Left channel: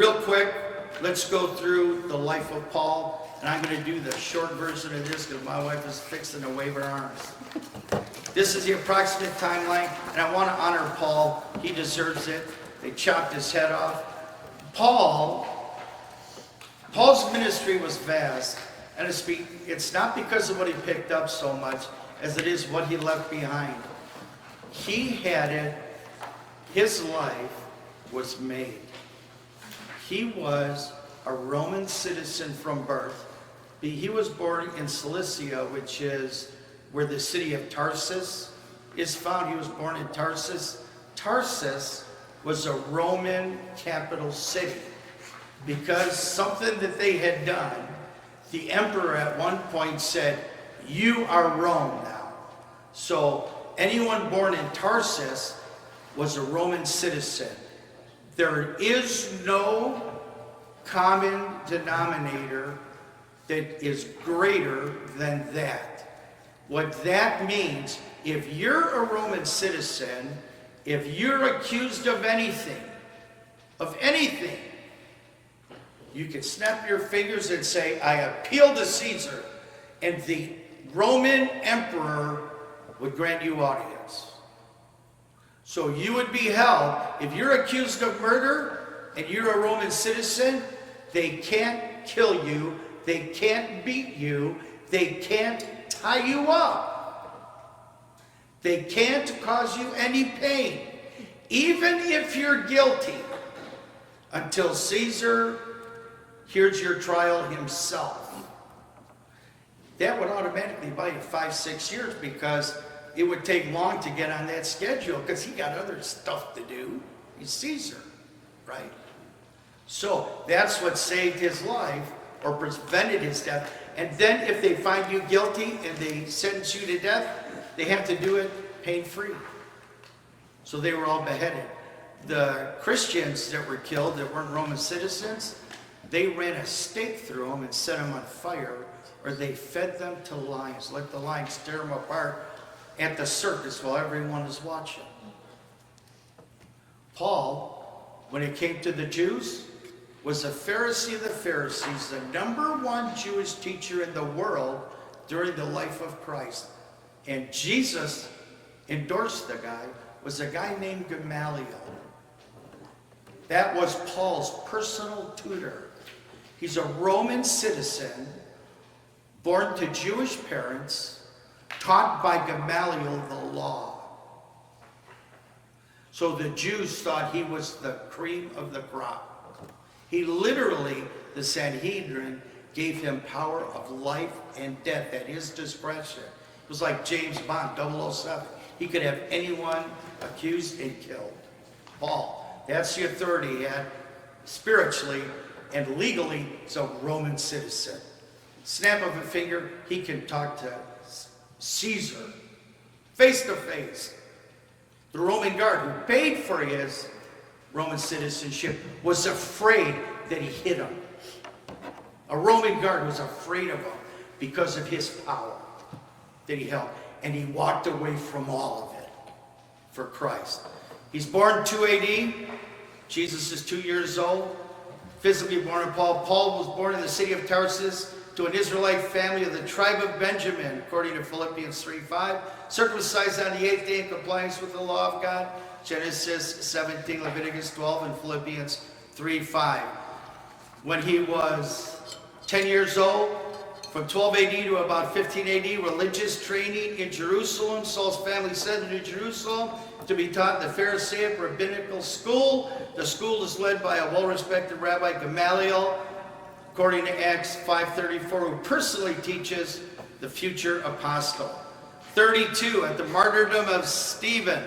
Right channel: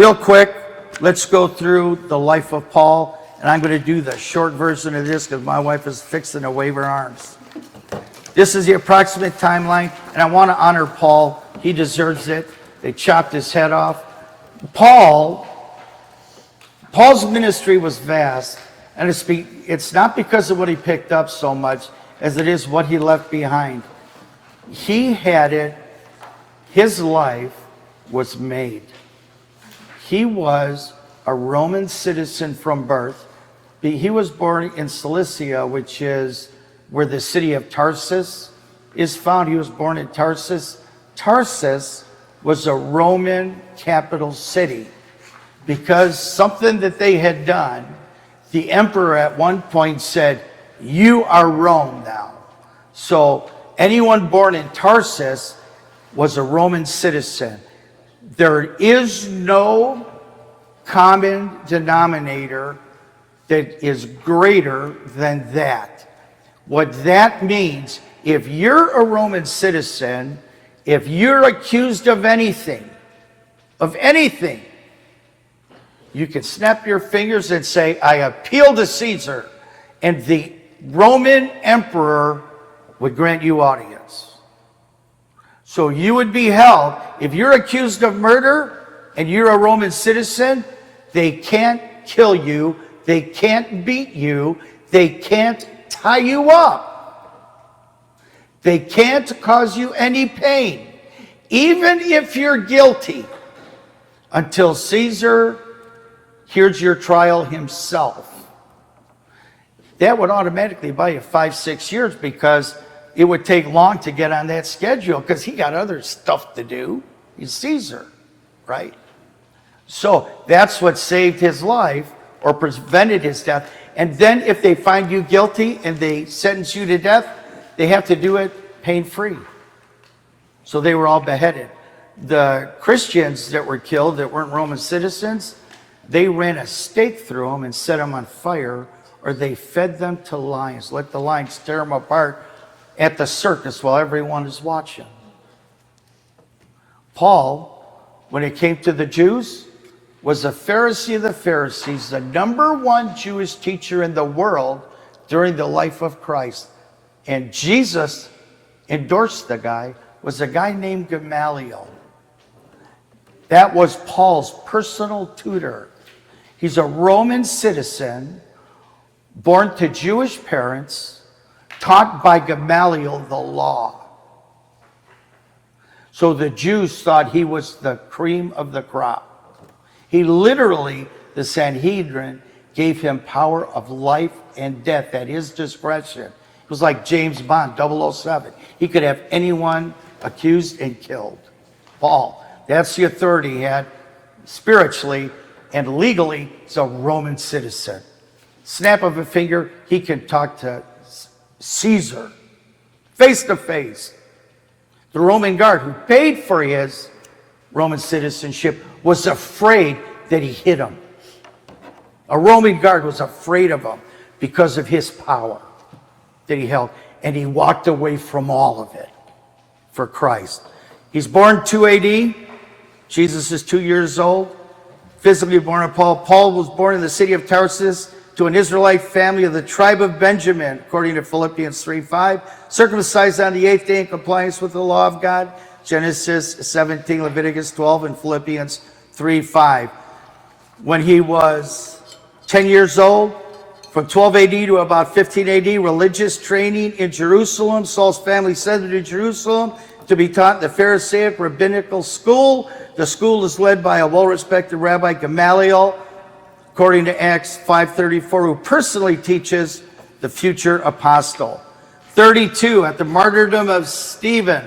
Real quick, let's go through the life of Paul, and I'm going to do the short version of this because my wife is fixing to wave her arms. This is the approximate timeline, and I want to honor Paul. He deserves it. They chopped his head off. Paul's ministry was vast, and it's not because of what he picked up so much as it is what he left behind. He had it. His life was made. He was a Roman citizen from birth. He was born in Cilicia, which is where the city of Tarsus is found. He was born in Tarsus. Tarsus was a Roman capital city because something that they had done, the emperor at one point said, "You are Rome now." So anyone born in Tarsus was a Roman citizen. There is no common denominator that is greater than that. What that means, if you're a Roman citizen, if you're accused of anything, you can snap your fingers and say, "I appeal to Caesar," and the Roman emperor would grant you audience. So you would be held, if you're accused of murder and you're a Roman citizen, they can't kill you, they can't beat you, they can't tie you up. They can't cause you any pain, even if you're guilty, until Caesar hears your trial himself. That would automatically buy you 5-6 years because it would take long to get on that schedule because he got other stuff to do. He's Caesar, right? So that's what saved his life or prevented his death. And then if they find you guilty and they sentence you to death, they have to do it pain-free. So they were all beheaded. The Christians that were killed that weren't Roman citizens, they ran a stake through them and set them on fire, or they fed them to lions, let the lions tear them apart at the circus while everyone is watching. Paul, when it came to the Jews, was a Pharisee of the Pharisees, the #1 Jewish teacher in the world during the life of Christ. And Jesus endorsed the guy, was a guy named Gamaliel. That was Paul's personal tutor. He's a Roman citizen, born to Jewish parents, taught by Gamaliel the law. So the Jews thought he was the cream of the crop. He literally, the Sanhedrin, gave him power of life and death at his discretion. It was like James Bond, 007. He could have anyone accused and killed. Paul, that's the authority he had spiritually and legally. He's a Roman citizen. Snap of a finger, he can talk to Caesar, face to face. The Roman guard who paid for his Roman citizenship was afraid that he hit him. A Roman guard was afraid of him because of his power that he held, and he walked away from all of it for Christ. He's born 2 AD. Jesus is 2 years old, physically born of Paul. Paul was born in the city of Tarsus to an Israelite family of the tribe of Benjamin, according to Philippians 3:5, circumcised on the 8th day in compliance with the law of God, Genesis 17, Leviticus 12, and Philippians 3:5. When he was 10 years old, from 12 AD to about 15 AD, religious training in Jerusalem. Saul's family sent him to Jerusalem to be taught in the Pharisaic rabbinical school. The school is led by a well-respected Rabbi Gamaliel, according to Acts 5:34, who personally teaches the future apostle. 32, at the martyrdom of Stephen.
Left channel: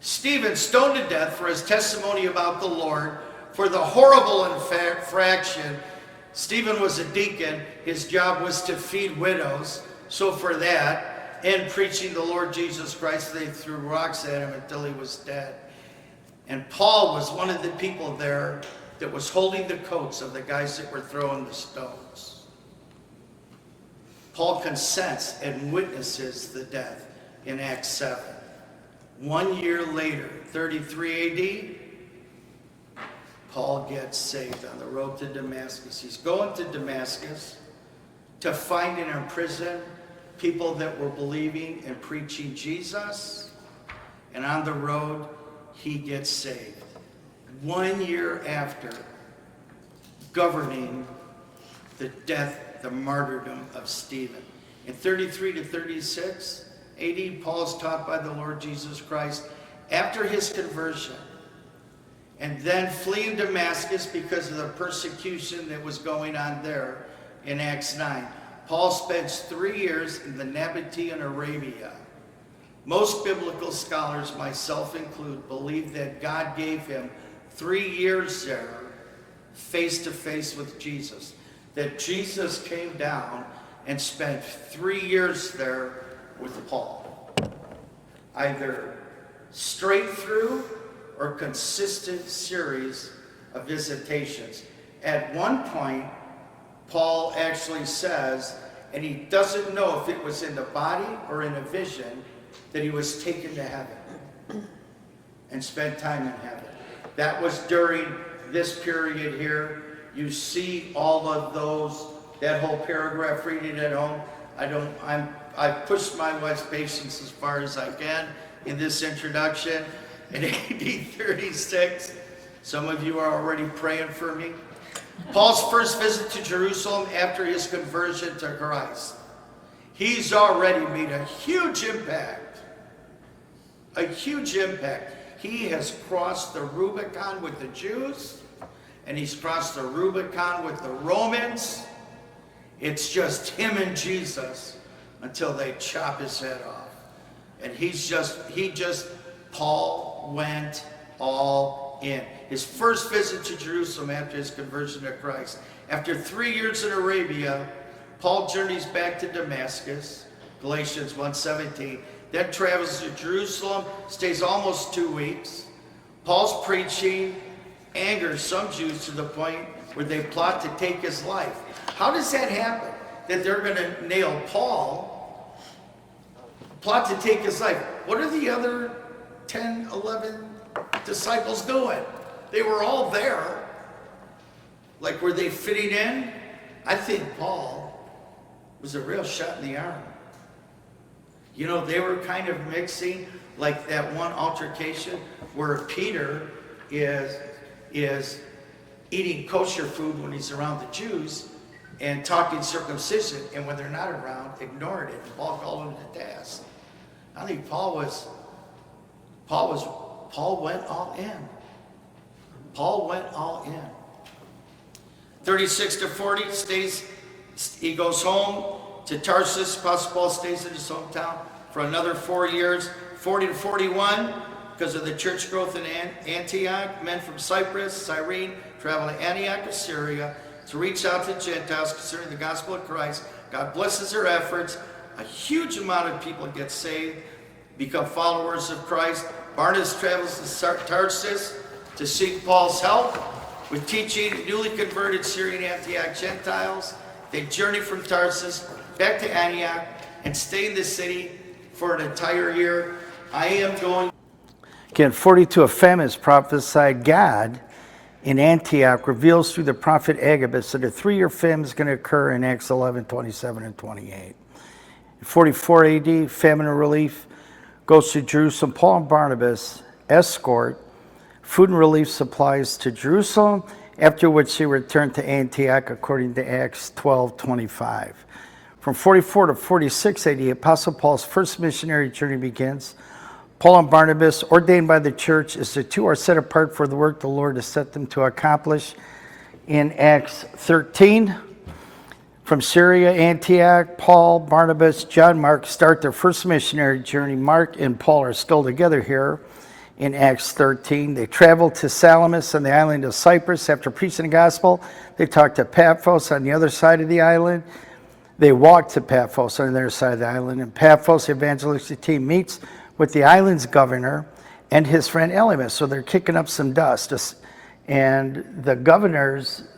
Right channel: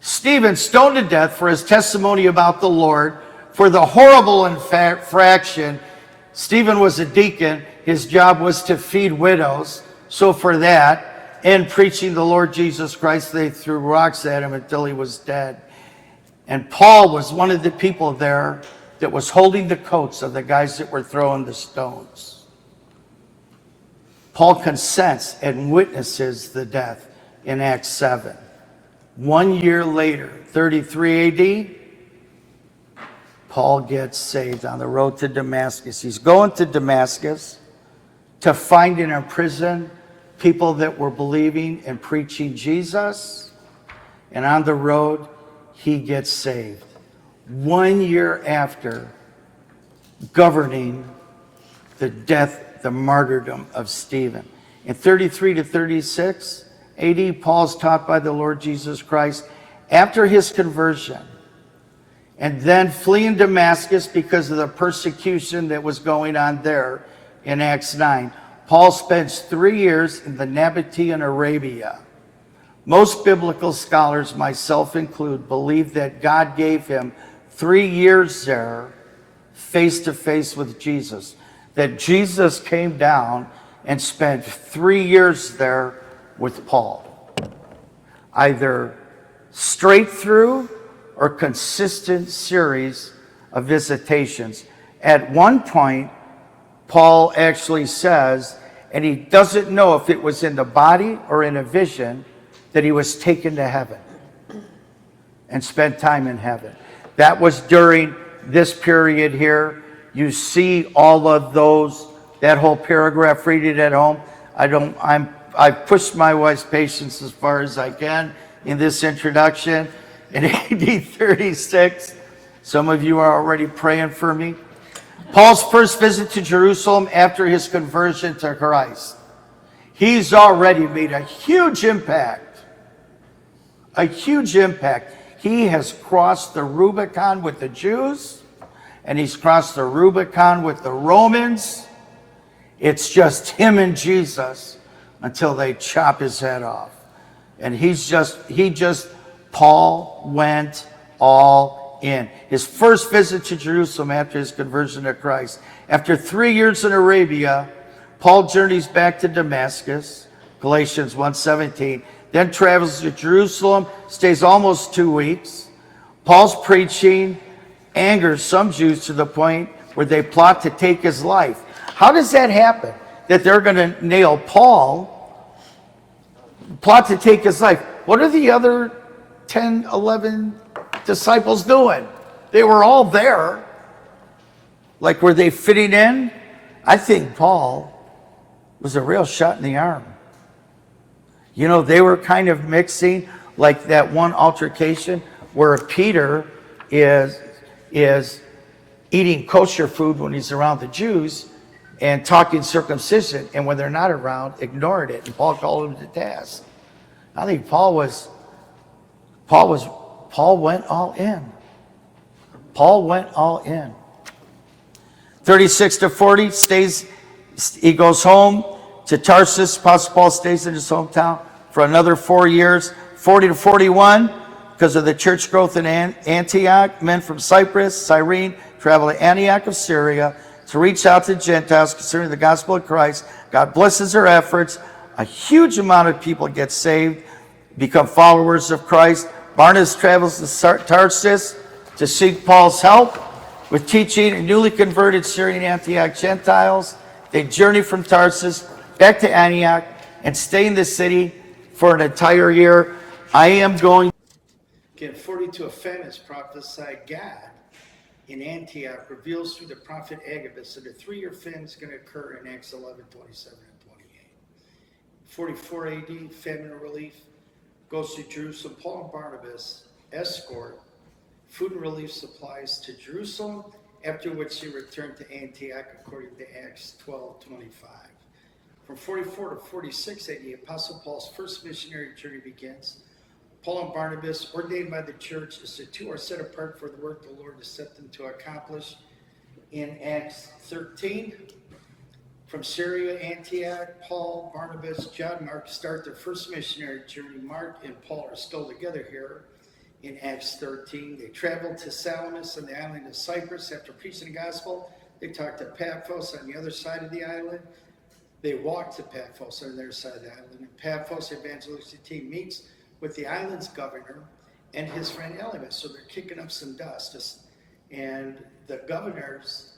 Stephen stoned to death for his testimony about the Lord. For the horrible infraction, Stephen was a deacon. His job was to feed widows. So for that, and preaching the Lord Jesus Christ, they threw rocks at him until he was dead. And Paul was one of the people there that was holding the coats of the guys that were throwing the stones. Paul consents and witnesses the death in Acts 7. 1 year later, 33 AD, Paul gets saved on the road to Damascus. He's going to Damascus to find and imprison people that were believing and preaching Jesus. And on the road, he gets saved. 1 year after governing the death, the martyrdom of Stephen. In 33 to 36 AD, Paul's taught by the Lord Jesus Christ after his conversion, and then fleeing Damascus because of the persecution that was going on there in Acts 9. Paul spends 3 years in the Nabatean Arabia. Most biblical scholars, myself included, believe that God gave him 3 years there face to face with Jesus. That Jesus came down and spent 3 years there with Paul. Either straight through or consistent series of visitations. At one point, Paul actually says, and he doesn't know if it was in the body or in a vision, that he was taken to heaven and spent time in heaven. That was during this period here. You see all of those, that whole paragraph, read it at home. I've pushed my wife's patience as far as I can in this introduction. In AD 36, some of you are already praying for me. Paul's first visit to Jerusalem after his conversion to Christ. He's already made a huge impact. A huge impact. He has crossed the Rubicon with the Jews, and he's crossed the Rubicon with the Romans. It's just him and Jesus until they chop his head off. And Paul went all in. His first visit to Jerusalem after his conversion to Christ. After 3 years in Arabia, Paul journeys back to Damascus, Galatians 1:17, then travels to Jerusalem, stays almost 2 weeks. Paul's preaching angers some Jews to the point where they plot to take his life. How does that happen? That they're going to nail Paul, plot to take his life. What are the other 10, 11 disciples doing? They were all there. Like, were they fitting in? I think Paul was a real shot in the arm. You know, they were kind of mixing, like that one altercation where Peter is eating kosher food when he's around the Jews and talking circumcision, and when they're not around, ignored it, and Paul called him to task. I think Paul went all in. Paul went all in. 36 to 40, he goes home to Tarsus. Apostle Paul stays in his hometown for another 4 years. 40 to 41, because of the church growth in Antioch, men from Cyprus, Cyrene, travel to Antioch of Syria to reach out to Gentiles concerning the gospel of Christ. God blesses their efforts. A huge amount of people get saved, become followers of Christ. Barnabas travels to Tarsus to seek Paul's help with teaching newly converted Syrian Antioch Gentiles. They journey from Tarsus back to Antioch and stay in the city for an entire year. Again, 42, a famine is prophesied. God in Antioch reveals through the prophet Agabus that a 3-year famine is going to occur in Acts 11, 27 and 28. In 44 AD, famine and relief goes to Jerusalem. Paul and Barnabas escort food and relief supplies to Jerusalem, after which they return to Antioch according to Acts 12:25. From 44 to 46 AD, Apostle Paul's first missionary journey begins. Paul and Barnabas, ordained by the church as the two, are set apart for the work the Lord has set them to accomplish. In Acts 13, from Syria, Antioch, Paul, Barnabas, John Mark start their first missionary journey. Mark and Paul are still together here. In Acts 13, they traveled to Salamis on the island of Cyprus. After preaching the gospel, they talked to Paphos on the other side of the island. They walked to Paphos on the other side of the island. In Paphos, the evangelistic team meets with the island's governor and his friend Elymas. So they're kicking up some dust. And the governor's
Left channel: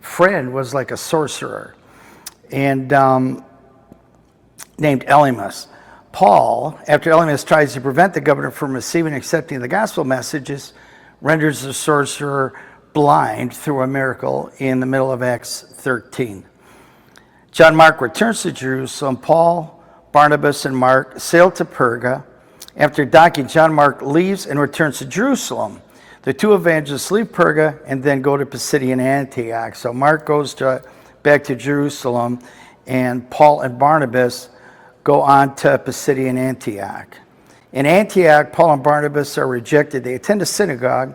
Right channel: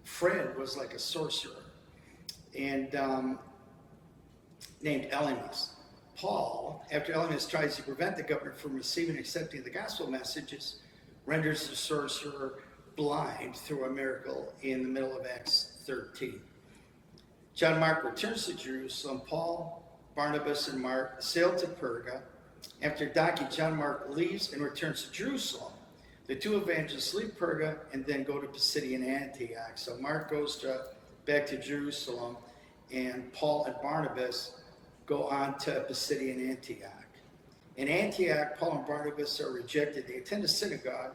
friend was like a sorcerer and named Elymas. Paul, after Elymas tries to prevent the governor from receiving and accepting the gospel messages, renders the sorcerer blind through a miracle in the middle of Acts 13. John Mark returns to Jerusalem. Paul, Barnabas, and Mark sail to Perga. After docking, John Mark leaves and returns to Jerusalem. The two evangelists leave Perga and then go to Pisidian Antioch. So Mark goes back to Jerusalem, and Paul and Barnabas go on to Pisidian Antioch. In Antioch, Paul and Barnabas are rejected. They attend a synagogue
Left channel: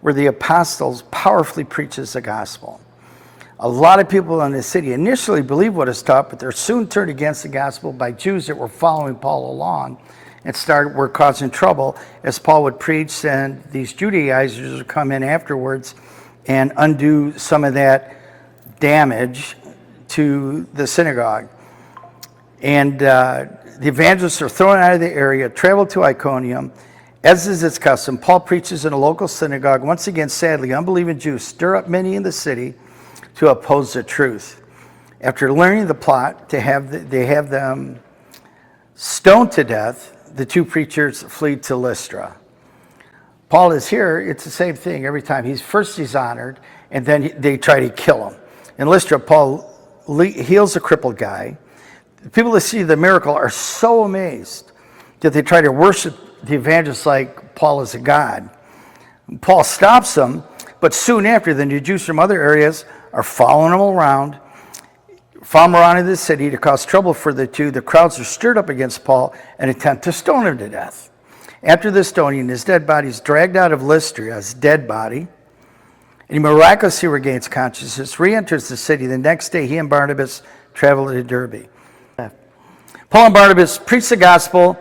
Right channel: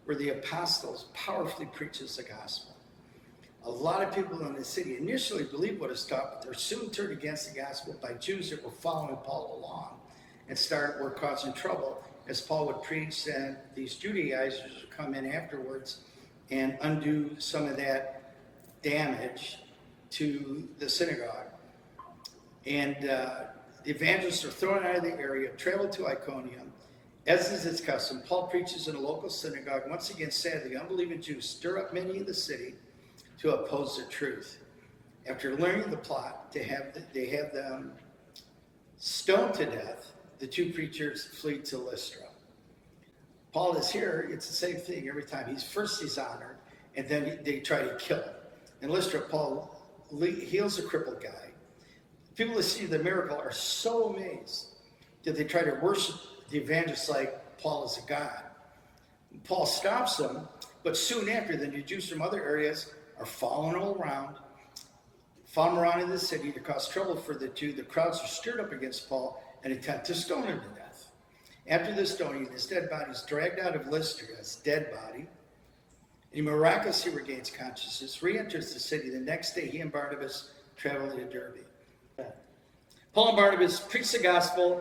where the apostles powerfully preaches the gospel. A lot of people in the city initially believe what is taught, but they're soon turned against the gospel by Jews that were following Paul along and were causing trouble as Paul would preach, and these Judaizers would come in afterwards and undo some of that damage to the synagogue. And the evangelists are thrown out of the area, travel to Iconium. As is its custom, Paul preaches in a local synagogue. Once again, sadly, unbelieving Jews stir up many in the city to oppose the truth. After learning the plot they have them stoned to death, the two preachers flee to Lystra. Paul is here. It's the same thing every time. He's honored, and then they try to kill him. In Lystra, Paul heals a crippled guy. The people that see the miracle are so amazed that they try to worship the evangelist like Paul is a god. Paul stops them, but soon after, the new Jews from other areas are following him around in the city to cause trouble for the two. The crowds are stirred up against Paul and attempt to stone him to death. After the stoning, his dead body is dragged out of Lystra, his dead body, and he miraculously regains consciousness, re-enters the city. The next day, he and Barnabas travel to Derbe. Paul and Barnabas preach the gospel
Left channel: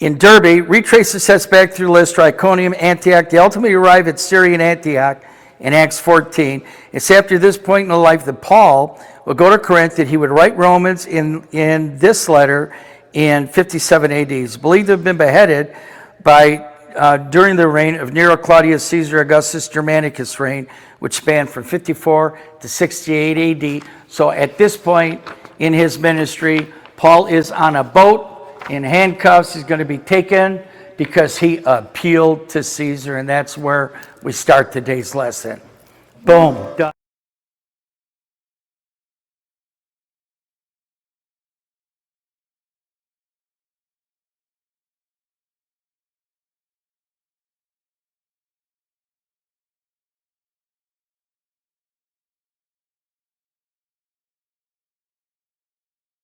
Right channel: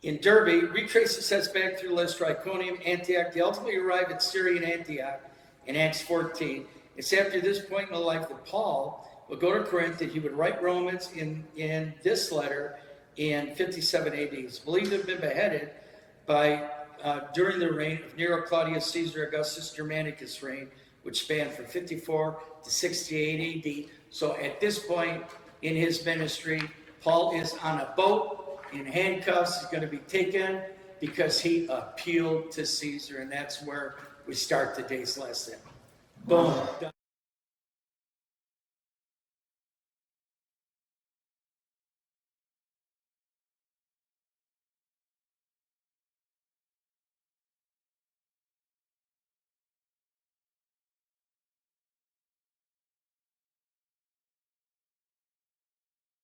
in Derbe, retrace the steps back through Lystra, Iconium, Antioch. They ultimately arrive at Syrian Antioch in Acts 14. It's after this point in the life that Paul will go to Corinth, that he would write Romans in this letter in 57 AD. He's believed to have been beheaded during the reign of Nero, Claudius, Caesar, Augustus, Germanicus' reign, which spanned from 54 to 68 AD. So at this point in his ministry, Paul is on a boat in handcuffs. He's going to be taken because he appealed to Caesar, and that's where we start today's lesson. Boom. Done.